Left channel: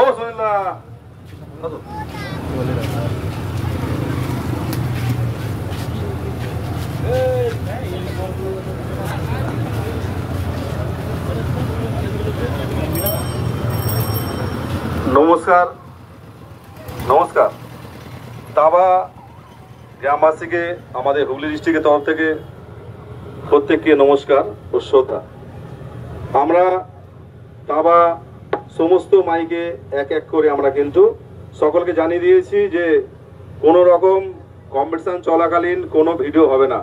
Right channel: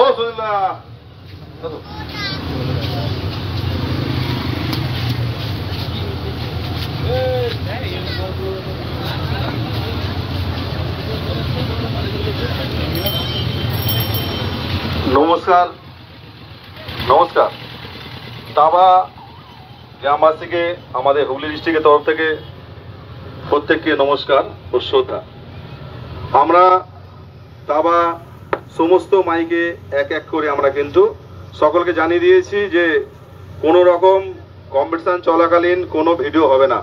ও সুনীল নমস্কার নমস্কার। তাবা গ্রামবাসীকে আমাদের হুগলি ডিস্ট্রিক্টের তরফ থেকে প্রত্যেককে নমস্কার ও শ্রদ্ধা। আমরা তাবা সমস্ত মাইকে এক এক করে আমরা কিন্তু সকলকে জানিয়ে দিয়েছি যে কোনো রকম কম্পিটিশন চলাকালীন কোনো ভিডিও হবে না,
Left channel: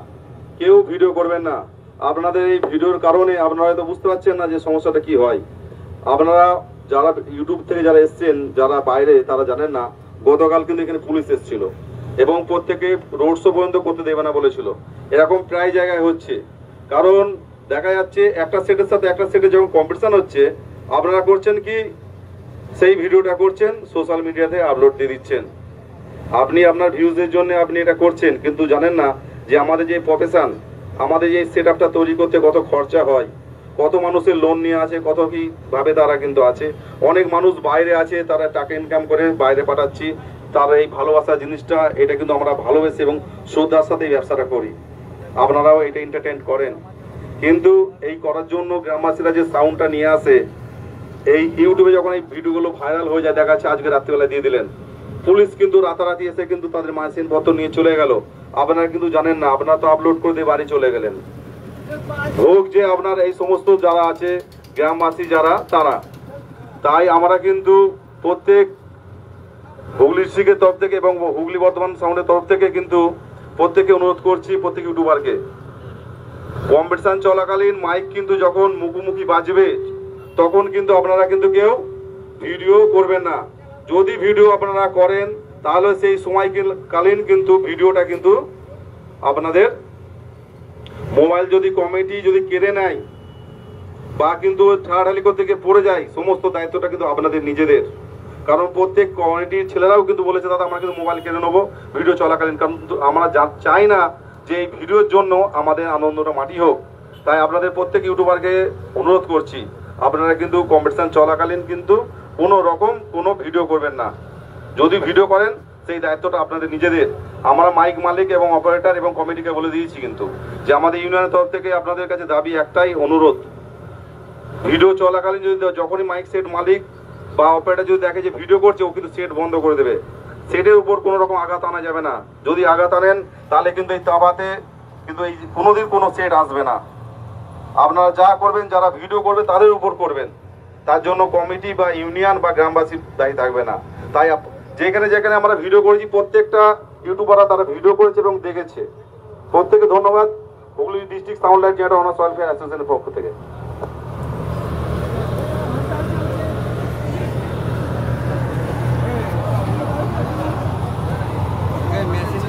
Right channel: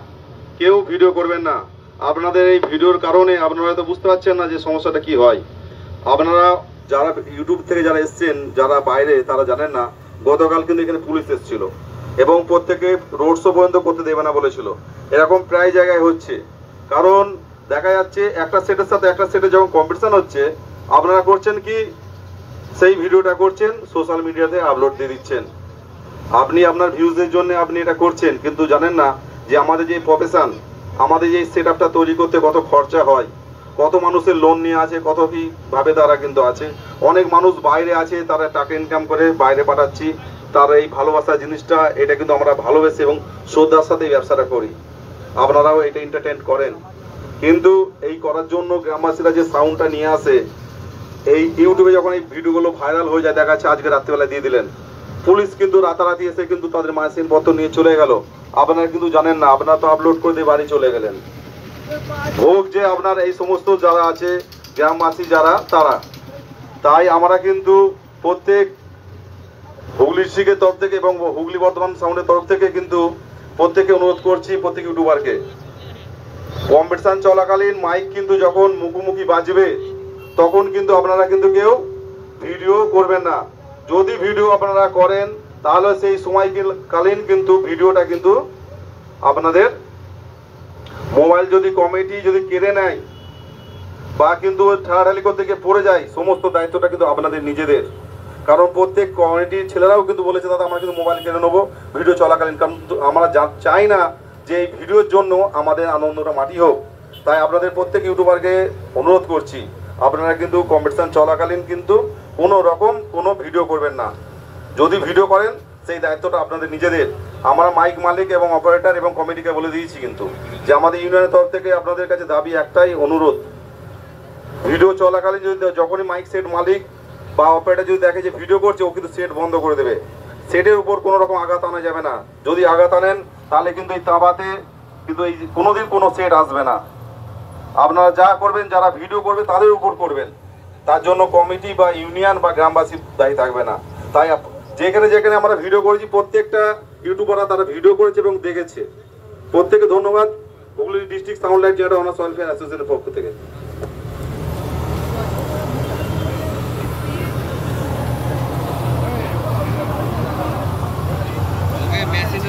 কেউ ভিডিও করবেন না। আপনাদের এই ভিডিওর কারণে আপনারা হয়তো বুঝতে পারছেন না যে সমস্যাটা কি হয়। আপনারা যারা ইউটিউব থেকে যারা এসছেন, যারা বাইরে, তারা জানেন না গতকাল কিন্তু এখানে পুলিশ এসেছিল এবং প্রত্যেকে রোড শো পর্যন্ত করতে দেবে না বলেছিল। এরকম প্রায় জায়গায় হচ্ছে, কারণ দেখা যাচ্ছে একটা সেটের সাথে একটা সেটে যখন কম্পিটিশন হচ্ছে, আপনারা করছেন কি সেই ভিডিওটা করছেন সোশ্যাল মিডিয়াতে আপলোড দিয়ে দিচ্ছেন। আপনি আপনার ভিউজের জন্য আপনি এটা করছেন, কিন্তু জানেন না যে আমাদের যে প্রফেশন, আমাদের এই সেট আপটা তৈরি করতে কত খরচা হয়, কত মানুষের লোন নিয়ে আছে, কত কি ভাবে তারা কিন্তু আছে। অনেক মানুষ বাইরে আছে, তারা টাকা ইনকাম করে বাইরে পাঠাচ্ছি। তার এই ভালোবাসা জিনিসটা, এটা কিন্তু আমরা ভালোবেসে এবং শ্রদ্ধার সাথে ব্যবসাটা করি। আপনারাও এটা এন্টারটেইন করেন, কিন্তু এই করার জন্য গ্রামবাসীরা যে সাউন্ডটা নিয়ে আসে, এই ইউটিউবে যখন এই ভিডিওগুলো ভাইরাল হয়ে যায়, দেখা যাচ্ছে আজকে রাত্রিবেলা দিয়ে দিলেন, পুলিশ কিন্তু রাতারাতি এসে কিন্তু তাদের মাইসিনপত্র নিয়ে চলে গেল। আপনারা কিন্তু জানেন না, আপনারা তো আপলোড করে দিয়ে বাড়ি চলে গেলেন। ভোগ যে আপনার এই সমস্ত যারা আছে গ্রামবাসী যারা, তারা তাই আমরা কিন্তু প্রত্যেক হুগলি ডিস্ট্রিক্টের তরফ থেকে এবং হুগলি বর্ধমান সাউন্ডের তরফ থেকে কিন্তু প্রত্যেককে অনুরোধ করছি, প্রত্যেক ইউটিউবারকে, কম্পিটিশন চলাকালীন মাইক কিন্তু যখন মুখোমুখি বাজবে তখন কিন্তু আপনারা কিন্তু কেউ ভিডিও করবেন না। যদি ভিডিও আপনারা করেন তাহলে সেই সময়কালীন কিন্তু ভিডিওটা কিন্তু আপনাদের মোবাইল যদি কমিটি যদি কেড়ে নেয় বা কিন্তু ঠাড়াঠাড়ি করতে গিয়ে পড়ে যায়, সমস্ত দায়িত্বটা কিন্তু আপনাদের নিজেদের। কারণ প্রত্যেক কমিটির ছেলেরাও কিন্তু বলেছে দাদা আমরা কিন্তু মোবাইল কিনে নেবো ভিডিও চলাকালীন, কারণ আমরা চাই না যে এই ভিডিওর জন্য আমাদের আনন্দটা মাটি হোক। তাই আপনাদের প্রত্যেক ইউটিউবারকে অনুরোধ করছি, আপনারা কিন্তু কম্পিটিশন চলাকালীন কিন্তু কোনো রকম কোনো ভিডিও করবেন না। যদি ভিডিও করেন সেই দায়িত্বটা আপনাদের নিজেদের। আমরা মাইক মালিক এবং অপারেটর এবং কমিটিকে বলে দিয়েছি কিন্তু যে আমাদের ইউনিয়নের তরফ থেকে আপনাদের কাছে দাবি একটাই, অনুরোধ, ভিডিও চলাকালীন যদি যখনই মাইক সেট মালিক বা অপারেটর যদি দেখে যে ভিডিও করছে, ও কিন্তু সেট বন্ধ করে দেবে। সেটের উপর কোনো রকম আঘাত আনা যাবে না। যদি আঘাত আনেন তাহলে কিন্তু এই তাবাতে কিন্তু এই কোনোদিন কোনো সেট আসবে না। আপনারা যা করবেন, যারা ভিডিও করবে তাদের উপর করবেন, তার জন্য কমিটি বা ইউনিয়ন বা গ্রামবাসীর দায়ী থাকবে না। তাই যেখানে যেখানে আমরা ভিডিও করেছি প্রত্যেকটা ইউটিউবাররা তারা ভিডিও করেছে এবং দেখেছে। প্রত্যেকে ধন্যবাদ Hooghly district sound light generator honours welfare অ্যাসোসিয়েশনের পক্ষ থেকে। মেসেজ